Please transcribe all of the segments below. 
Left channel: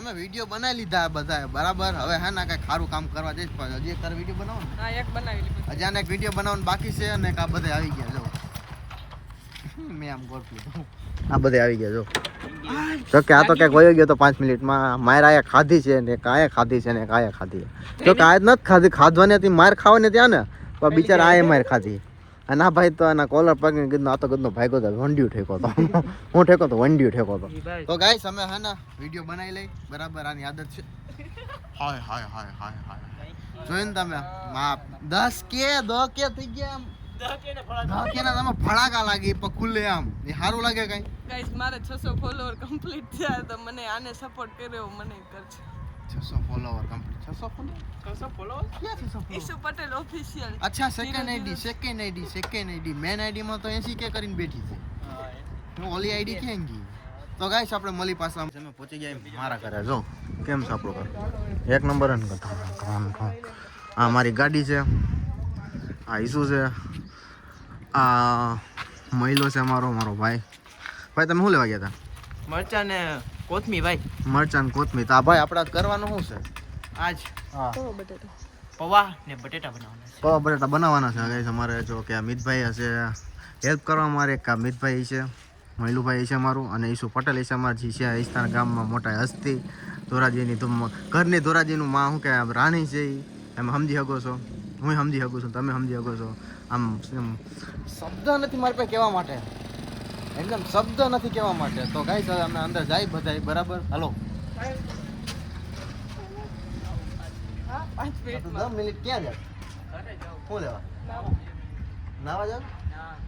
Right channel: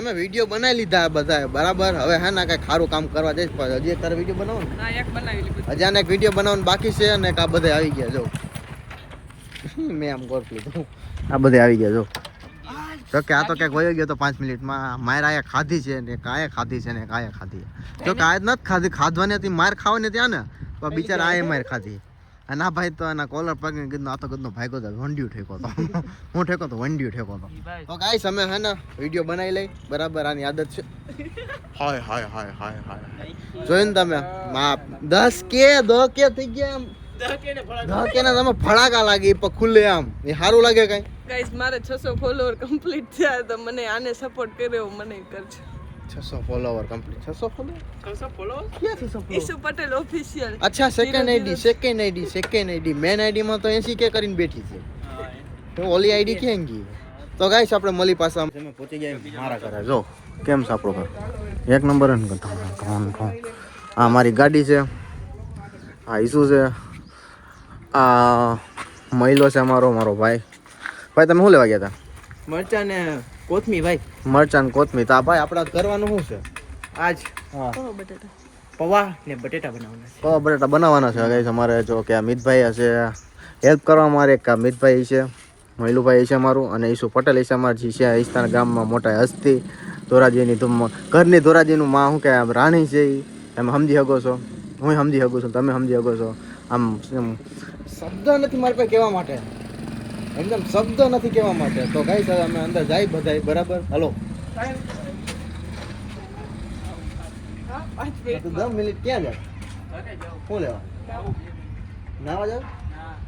અમે વિડીયો બનાવી લીધા બધા બરાબર. હવે હે ને કઈ ખારું કામ કરવા જઈશ પણ હજી એક તારે વિડીયો બનાવો ને. હા, એક બનાવી લીધું. હજી આને એક વિડીયો બનાવવાનું બાકી છે અને આ બધા આવી ગયા જો. મેં આમ ગોર લીધું. આ બધા આવી ગયા જો. જો કે આ તો કઈક વયો ગયો તો 5 મિનિટમાં. માર આયા ખાધી છે ને કાયા ખાધી છે ને કાયા ખાધી. જો કે આજ નથી ખાધી, ખાધવાની હતી માર ખાવાની ત્યાં ને પણ બિચારા આયે માર ખાધી. અને આ ભાઈ તો એના કોલર પકડીને કીધું આ તો કીધું ભાઈકો તો વંડિયું ઠેકો તો. હું ઠેકો તો વંડિયું ઠેકો તો. તો ગાઈસ અમે હે ને વિડીયો બનાવી લઈ બરાબર. આની આદત છે. હાય હાય હાય હાય હાય જોઈને તમે 10 કે 2 કે થઈ ગયા આમ 10 કે ના તમે ફળાકા લાગી પણ ખુલ્લે આમ એ સારું લાગે કઈ. ગાઈસ મારે 600 ફોલોવર કમ્પ્લીટ થયા તો મને આને સપોર્ટ કર્યો મને કરજો. 600 ફોલોવર કમ્પ્લીટ. 600 ફોલોવર ક્યાં 600 ફોલોવર? ઈસુ પટેલ ઓફિશિયલ. અચ્છા સેકન્ડ આઈડી મેન આઈડી માં તો 80 કે કરીને બેઠી છે. તો ઓલી આઈડી ક્યાં ગઈ? તો ગાઈસ આપણે મળી પાછા અમે પહોંચી ગયા મારા ઘરે. જો કેમ છે આપણો ઘર એક નંબર ને કટા. આ મારી ગાડી છે, આ ઈસુ છે, આ મહિલો છે મારો ભાઈ. ભાઈ તમે શું લેવા ગયા હતા? મરચા ને કોથમી ભાઈ. મરચાં ને કોથમી. તો આ ભાઈ આપણે કરવાનું શું છે આજ? હા, પૌવા ને બટેટા બનાવવાના છે. પૌવા બટેટા બનાવવાના છે ગાઈસ અમારે. જો કે આ મિતભાઈ હશે હેલ્પ કરવા મારે. એક મિતભાઈ છે, મહિલુભાઈ છે મારું, અને ઈસુ પટેલ છે અમારી છે ઈસ્તાના ગામમાં મોટા હસ્તી. ધોરાજીની ધૂમ ઘરની ધોરાજીનું માં શું કે રાણી છે એ તમે સમજી શકો છો, હું સમજી શકું છું, તમે સમજી શકો છો. આમ શબ્દ નથી મારે પાસે કહેવા માટે, એકદમ શબ્દ નથી કહેવા માટે. તો ગાઈસ હવે અમે અંદર જાય બધા બરાબર. હાલો 10 મિનિટ ક્યાં જાય? શું લેવા નાવા જાવ?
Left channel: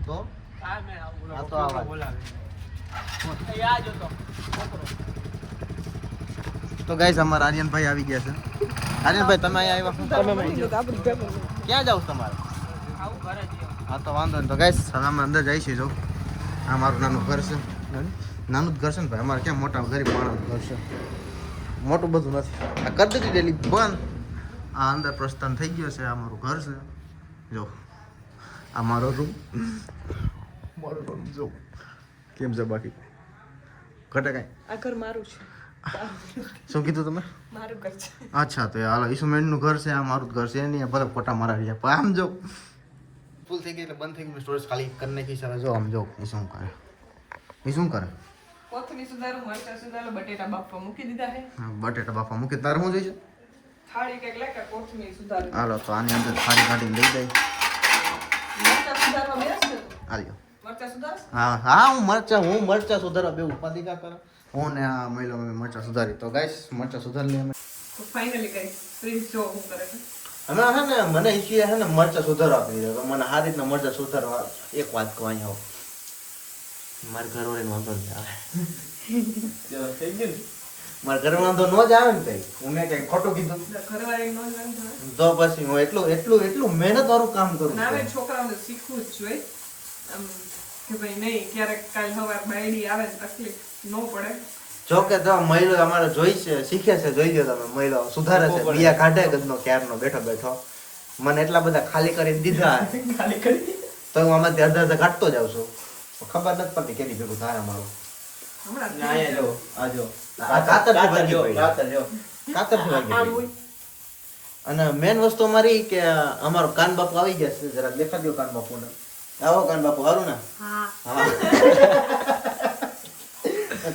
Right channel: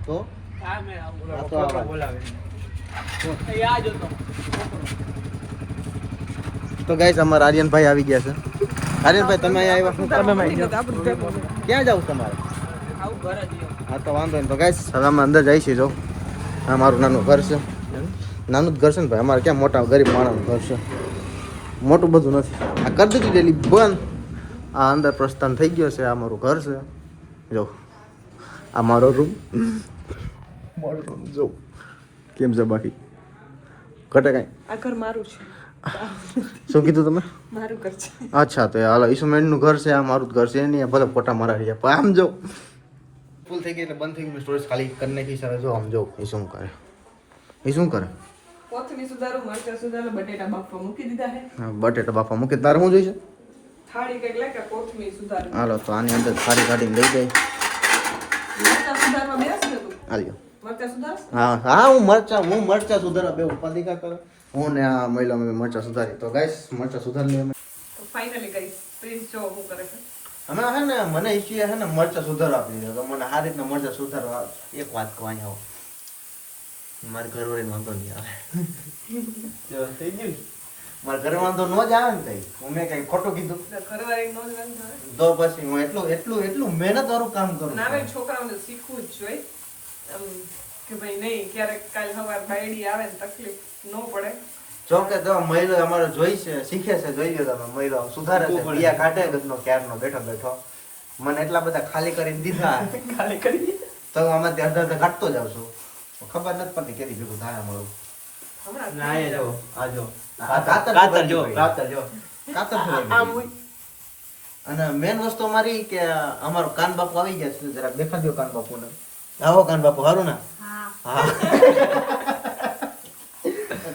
તો તો ગાઈસ અમારા આર્યનભાઈ આવી ગયા છે. આર્યનભાઈ તમે અહીંયા આવ્યા શું ક્યાં જાવ તમારે? હા તો વાંધો નહીં. તો ગાઈસ હવે અમે અંદર જઈએ છીએ. જો આ મારું નાનું ઘર છે. નાનું જ ઘર છે ને ભાઈ અમારે. ક્યાં મોટા ગરીબ માણસનું ઘર છે, મોટું બધું નથી. આ કરી દીધું ડેલી બંધ. આ અંદર પ્રસ્થાન થઈ ગયો છે. આ મારું ઘર છે. જો આ મારો રૂમ જો કેમ છે બાકી ઘટે કઈ? આ ઘર મારું છે. શું કીધું તમે? મારું ઘર છે. અચ્છા તો હાલો ઈસુમેન્ટનું ઘર છે. આ મારું જ ઘર છે. એની ભલે ફોટા મારા રહ્યા પણ આમ જો ફૂલ થઈ ગઈ એટલે બંધ થઈ ગઈ. સ્ટોરેજ ખાલી કરી નાખી છે. જો આમ જો એ શું કરે, એ શું કરે? કોથમી સુધારો, મરચા સુધારો, બટેટા બાફવા મૂકી દીધા છે. હા બટેટા બાફા મૂકે. તારે શું જોઈશે? થાળી કઈક લે કે કોથમી સુધારો. હાલો તો આની અંદર થાળી કાઢીને લઈ જાય. મરચા સુધારવા બેસ્યું હતું. હાલ્યો. મરચા સુધારો. હા હા હું મરચા સુધારવા બે ઉપાધિકા કરો. હું ને આ મહિલા મેં મરચા સુધારી. તો ગાઈસ મરચા સુધારી લે. તો ફાઇનલી ગાઈસ પ્રિન્સ જો હું કરે છે. અમે હે ને મને ઈચ્છીએ હે ને મરચા સુધારવા આપી દે. તો મને આ રીતના મરચા સુધારવા. એક વાત કહો અહીંયા આવો. મારી ઘરવાળી વાંધો નહીં આવે. થઈ ગયું મારા ઘરે વાંધો ન જ આવે ને તઈ. હું મેં કઈ ખોટું કીધું ઘરવાળી નો જ વાંધો આવે. તો પછી હું એટલું મહેનત વાળું કામ કરું. ના ભાઈ છોકરાઓને શીખવું જ જોઈએ આમ કે ભાઈ નહીં ક્યારેક કાલ સવાર બાયડી આવે ને તકલીફ ન પડે. જો કે તમે મહિલો અમારે જોઈ છે, શીખે છે. જોઈ લો તમે મહિલો સુધારે છે. બિયા કાઢે ગદનો ક્યારનો બેઠો મને એટલા બધા ખાલી કરી દીધા. ખાલી કરી દીધા તો હું આમાંથી અડધા કાઢતો જાઉં છું. ખબર નથી પડતી કેની ભેગું થાય અમારું. હમણાં ના એ જો આ જો કાતર જો કાતર ફેરવી. અને મેન વસ્તુ અમારી કે અમારો કાન બાપુ આવી ગયા છે. જરાક દેખાડી દો કાન બાપુને. આવો કાન બાપુ હારું ને? હા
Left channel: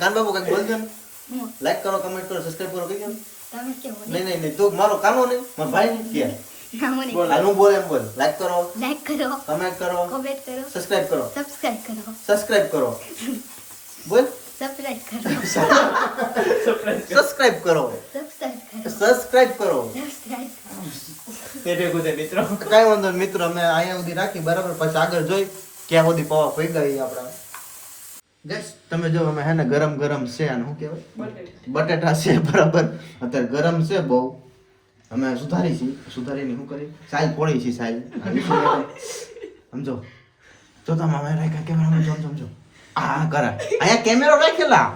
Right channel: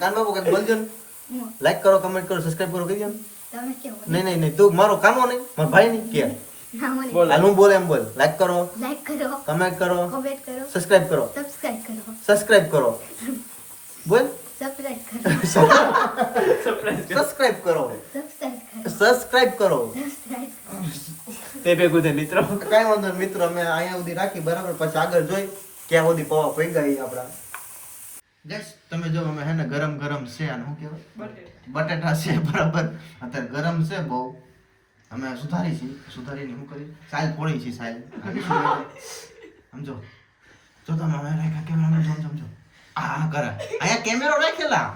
કાન બાપુ કઈક બોલજો ને. લાઈક કરો, કમેન્ટ કરો, સબસ્ક્રાઇબ કરો કહી દો. નહીં તું મારો કામો નહીં મારા ભાઈ નહીં કે હું બોલ એમ બોલ. લાઈક કરો, કમેન્ટ કરો, સબસ્ક્રાઇબ કરો બોલ. સબસ્ક્રાઇબ કરો તે ભેગું છે મિત્રો. કઈ વાંધો નહીં મિત્રો. અમે અહીંયા સુધી રાખી બરાબર. પછી આગળ જોઈ ક્યાં સુધી પવા પડી ગઈ આપણા. જસ તમે જો અમે હે ને ગરમ છે. અને શું કહેવાય બટેટા છે બરાબર. અત્યારે ગરમ છે બહુ. અમે સુધારીને શું કરી સાલ ફોડી છે. સાલ સમજો જો તમે અમે રાખ્યા કેમેરામાં સમજો. આ કરા અહીંયા કેમેરો રાખેલા.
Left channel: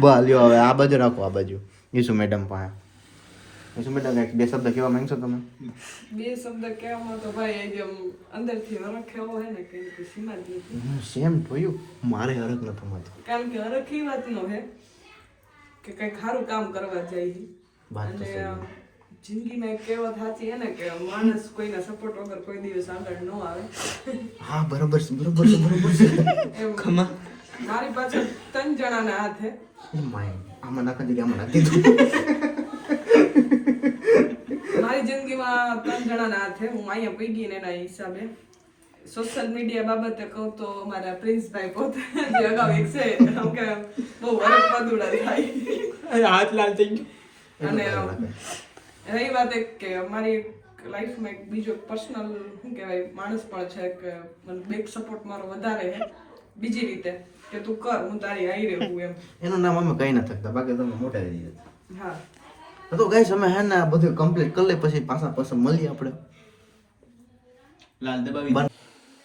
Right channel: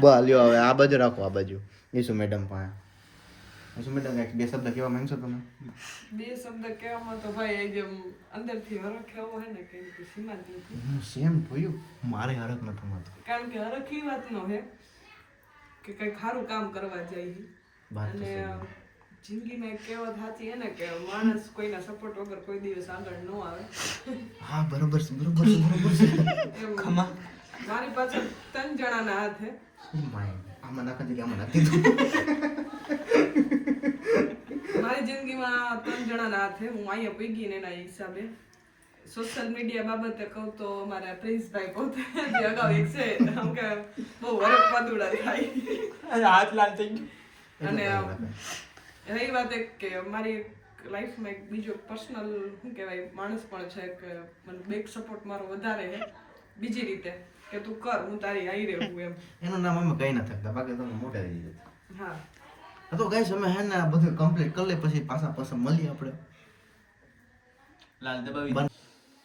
બોલ્યો હવે આ બાજુ રાખો. આ બાજુ ઈસુ મેડમ પાસે. ઈસુ મેડમ એક બે શબ્દ કહેવા માંગશો તમે? બે શબ્દ કહેવામાં તો ભાઈ જેમ અંદરથી હરખ એવો હે ને કે સીમા જ નથી. સેમ જોયું મારે હરખ ન થતો. કારણ કે હરખ એ વાતનો હે કે કંઈક સારું કામ કરવા જઈએ. વાત તો અને સહી. જિંદગીમાં એક કહેવત સાચી છે ને કે માણસ કોઈના સપોર્ટ વગર કોઈ દિવસ આગળ ન આવે. હા બરોબર છે બરોબર છે બરોબર છે. એમ મારી પાછળ 3 જણાના હાથ છે. એ માય આમાં નાખી દીધી આમાં નાખી દીધું. મારી જિંદગીમાં 3 જણાના હાથ છે. હું અહીંયા પૈકી ને એના હિસાબે સોશિયલ મીડિયા બાબતે કહું તો અમારા પ્રિન્સભાઈ પોતે જે અગાઉ એક છે આમ કે બહુ વરખ પદુડા થાય. હાથ લાલ થઈ ગયો. અને રહી વાત એક કે અમારી લાઈફમાં એક બીજો પર્સનલ શું કહેવાય માણસ પણ છે કે મને બેક સપોર્ટ મારો વધારે છે બીજી રીતે કે તું કર હું તારી હાઈ રહું એમ. એનું નામ અમે કઈ ના થકતા બાકી તમે મોટા થઈ જાય. હા તો ગાઈસ અમે હે ને આ બધું કમ્પ્લીટ કરી લે પછી પાછા મળીએ આપણે. લાલ દબાવી.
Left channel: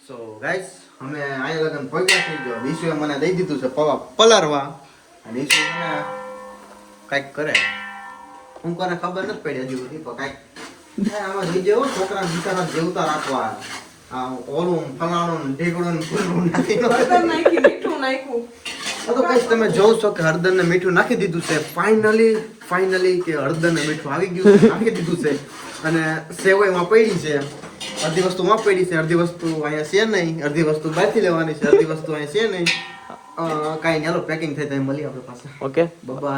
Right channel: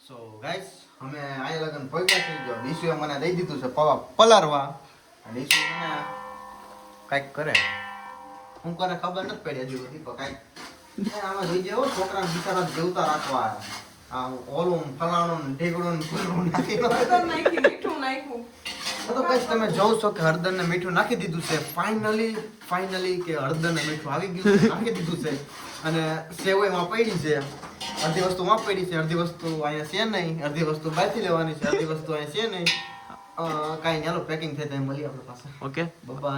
સો ગાઈસ અમે આયા લગન પહોંચ્યા થઈ ગયો. વિશુએ મને દઈ દીધું છે પવા પલારવા. અને વિશુ મને કાંઈક કરે. હું કોને ખબર નથી પડી હજી સુધી પણ કાંઈક આમાં જઈ જેવો છોકરા બિચારા જેવતા રાખવા. આ ઓલું ફલાણું ઢીકડું ને ફૂલનું નાખી હળદર નાખી મીઠું નાખ્યું. તો ગાઈસ તમે જોવ છો કે હળદર ને મીઠું નાખી દીધું છે ફાઇનલી કે હળદર ને મીઠું આવી ગયું છે, નાખી દીધું છે. અને સેવાઈમાં પડી છે. અડધી વસ્તુ માં પડી છે, અડધી વસ્તુ અહીંયા છે નહીં, અડધી વસ્તુ બહારથી લેવાની છે, અડધી વસ્તુ અહીંયા છે નહીં. કાંઈ નહીં, હાલો પેકિંગ થઈ જાય મળીએ આપણે પાસે. ઓકે. બાય.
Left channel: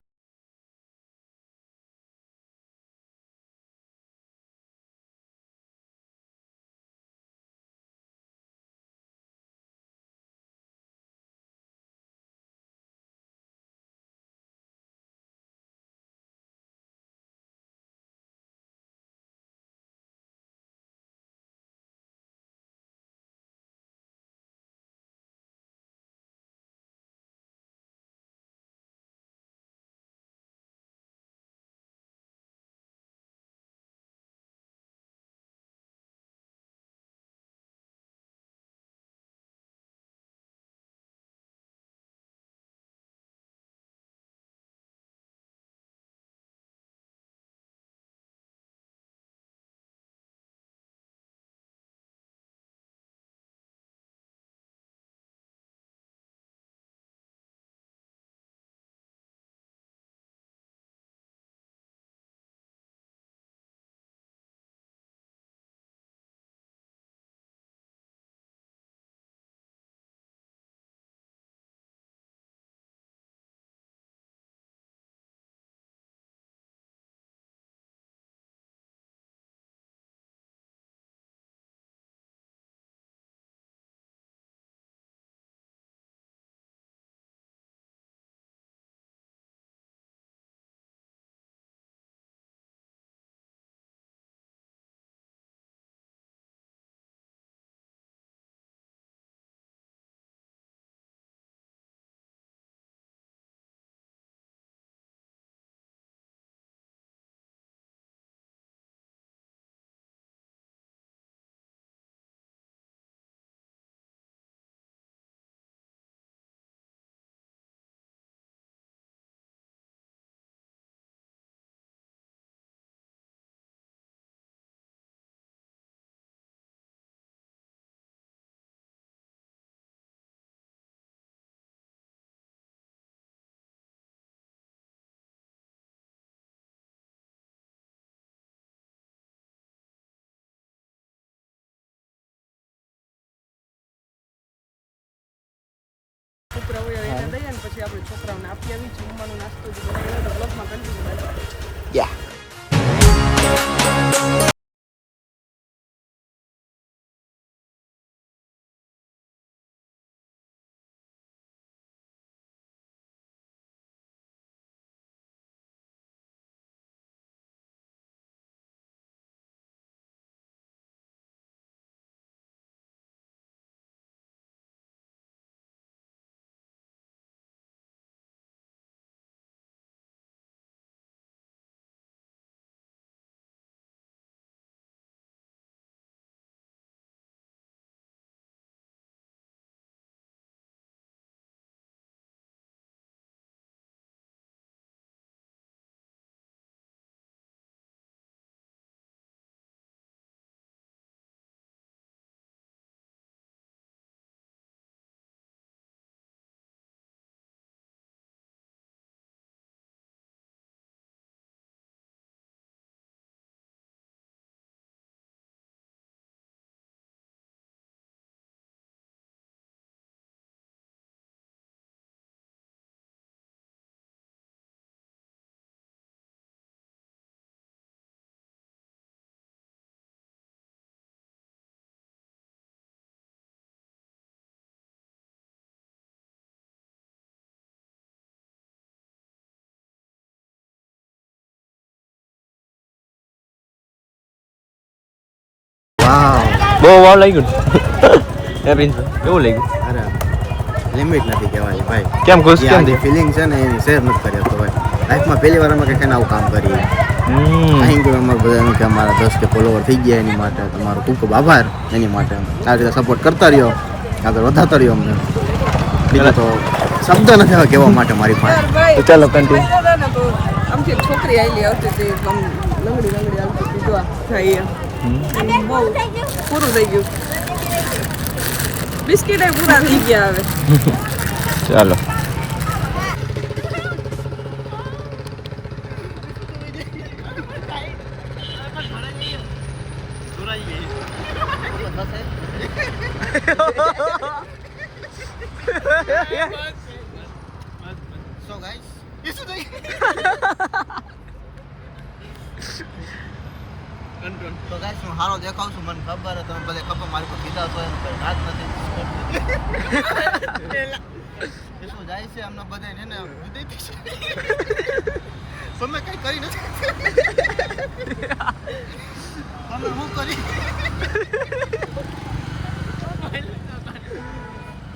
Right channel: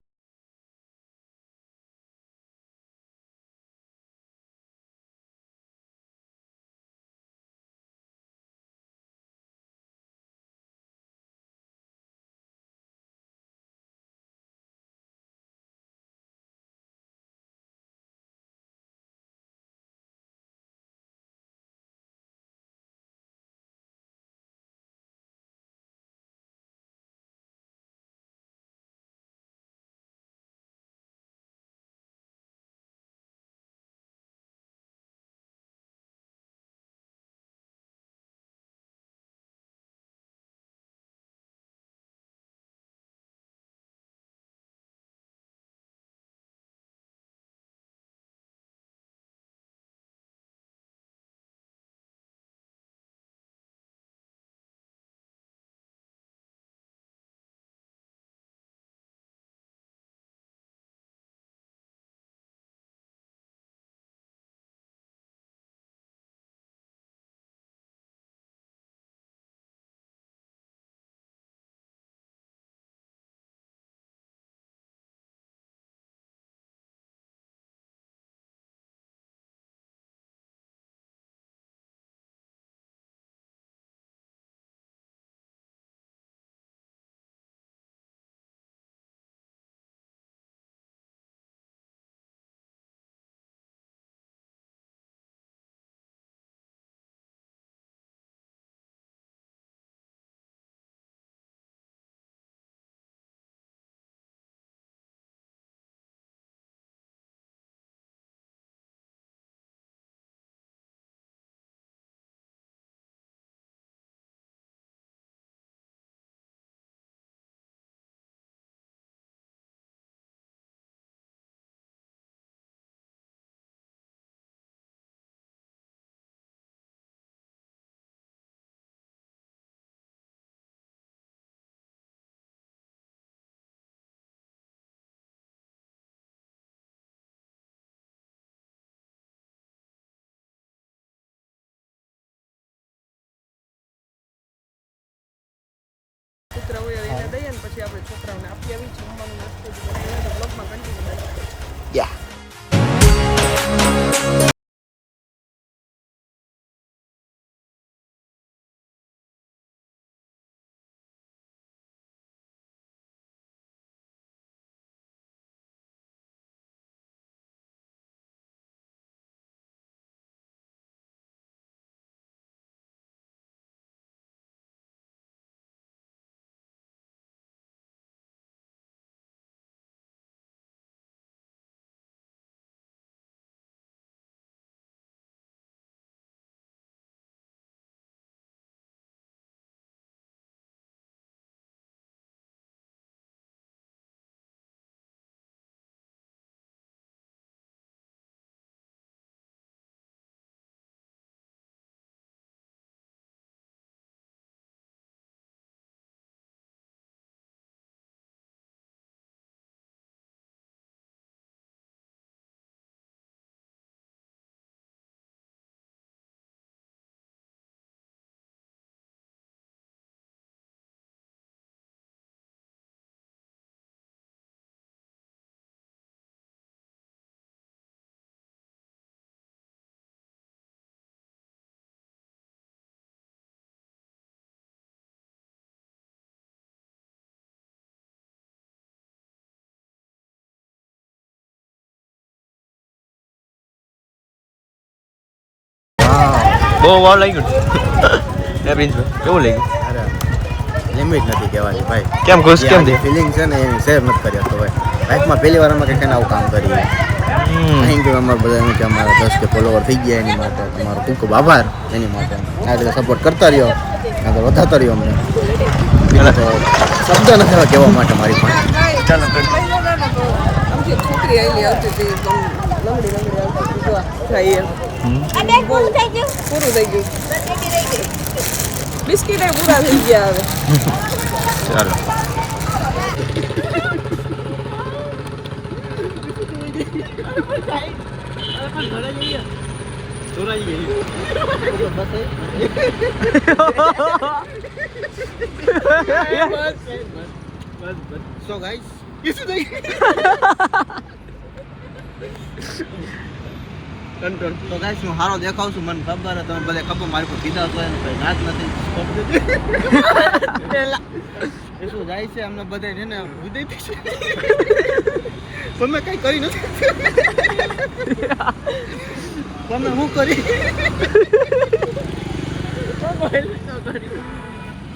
પુત્ર હોય એને દઈએ ને પછી આપણે છોકરાઓને આપી આવી જમવાનું નાસ્તો જ બનાવી તો બ્લોગમાં કન્ટિન્યુ યા. વાવ બહુ વાવ લાગ્યું એ પ્રિન્સભાઈ કેવું લાગ્યું અરે લિમિટ નથી કહેવાની ભાઈ કેમ ખુશ કેમ જે થયા ફિલિંગ છે ને એની શેર નથી કરી તો ભાઈ લાઈફમાં પહેલી વાર અમે કંઈક આવું કામ કરીએ થેન્ક યુ અમારા બધાનું કે અમારા 10 કે ફોલોવર થઈ ગયા એની માટે તમારો ખૂબ ખૂબ આભાર એની માટે આ રીતે સપોર્ટ કરતા રહ્યો આગળ વધારતા રહ્યો અમને બીજું તો શબ્દ નથી હવે કહેવા માટે મારી પાસે તો ચાલો કન્ટિન્યુ આમથી એક છોકરી આવેલી આવતી હતી આમ લંગડી આવતી હતી જો જાય બહુ પૂરું થઈ ગયું બિસ્કિટ પૂરા થઈ ગયા હવે ચાલો સો ગાઈસ તો ગાઈસ હું હારો દેખાવ છું મને ખબર છે તમે બધા ખબર મારી પર સીધા છો એનું કઈ નાચ નથી એ શું જાય છે અમને બધા છે ને વિદય છે તમે કઈ કરી નથી તમે હું કરી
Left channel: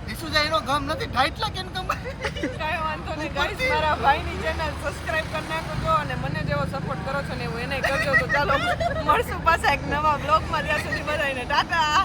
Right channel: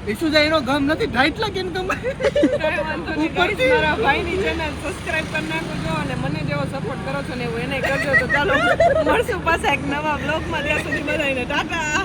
ઈસુ જાય એનો ગમ નથી ઢાઈટ લાગે ને તમારે મારા ભાઈની ચેનલ સબસ્ક્રાઇબ કરી નાખજો અને મને જેવો સપોર્ટ કરો છો ને એવું એને કરજો તો ચાલો મળશું પાછા એક નવા બ્લોગમાં ત્યાં સુધી બધાને ટાટા